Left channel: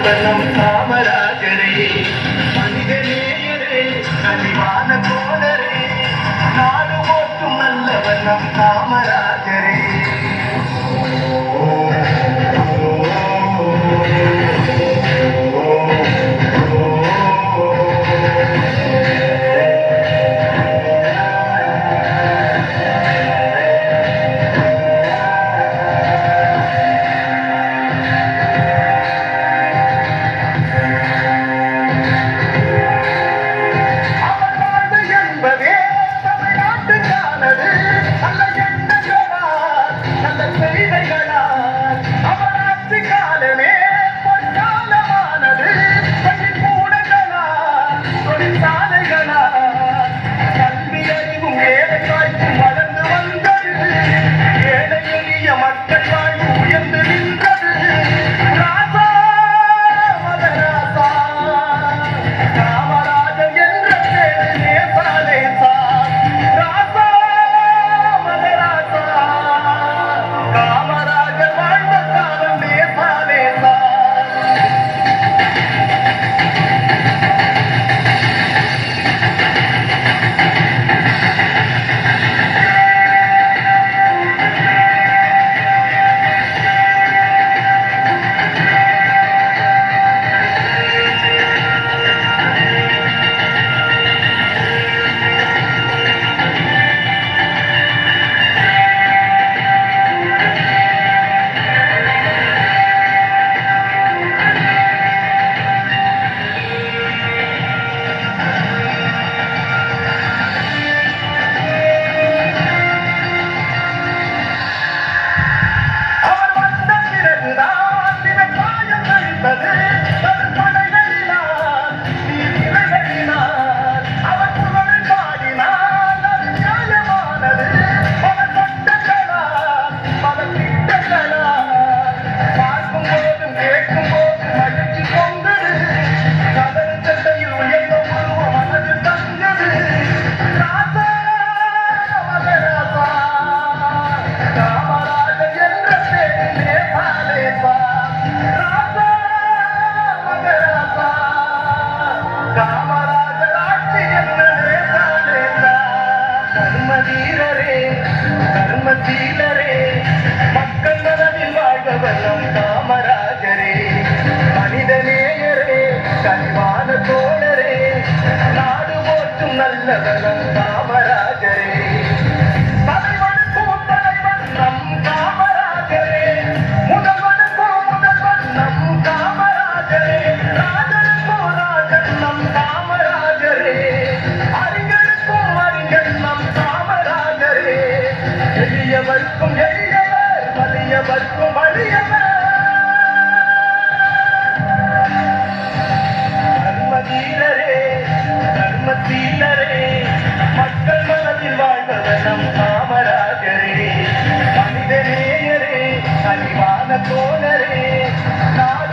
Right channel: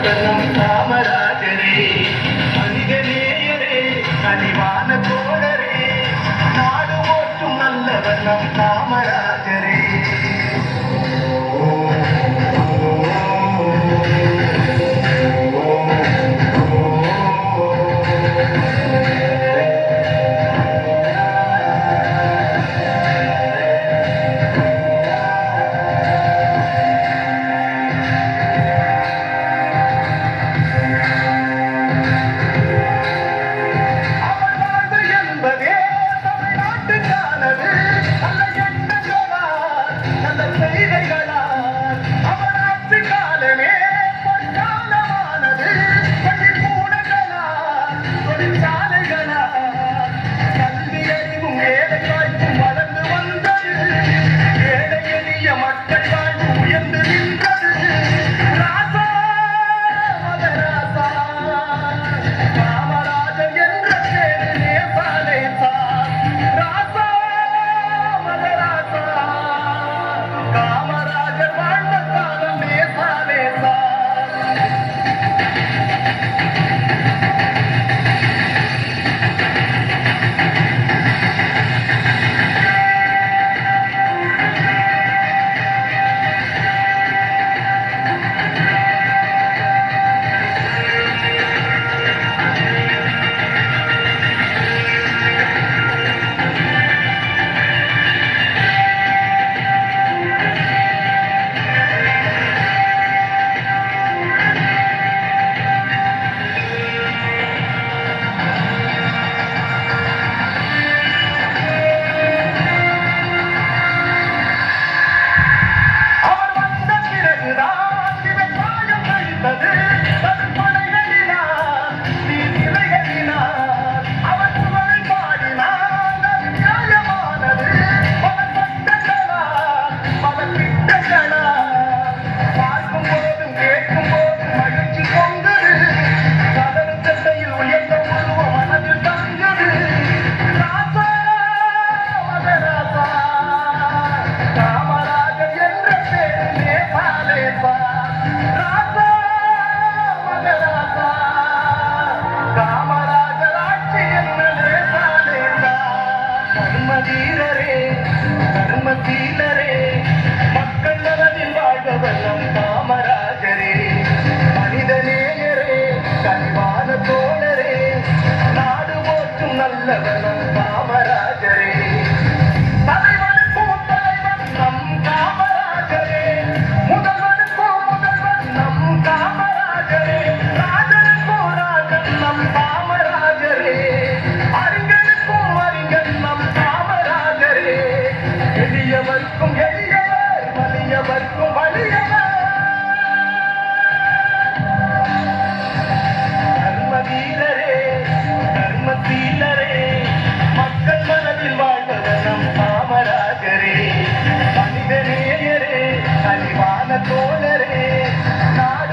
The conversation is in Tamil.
வாழ்ந்தவர் நம் காமராஜரே மனிதநேயரே கனிவான தோழரே. நாடு ஓட்டும் நல்லவர் சீலரே மக்கள் நலனில் வாழ்க வல்லம் காமராஜரே. மனித நேயரே கனிவான தோழரே நாடு போற்றும் நல்ல வல்லம் காமராஜரே தலைவனுக்கும் தலைவன் நம் காமராஜரே. முதல்வனுக்கும் முதல்வன் நம் காமராஜரே. எளியவர்க்கும் எளியவர் வலியவர்க்கும் வலியவர் கர்ம வீரரே மக்கள் மனதில் வாழ்ந்தவர் நம் காமராஜரே. மனிதநேயரே கனிவான தோழரே நான்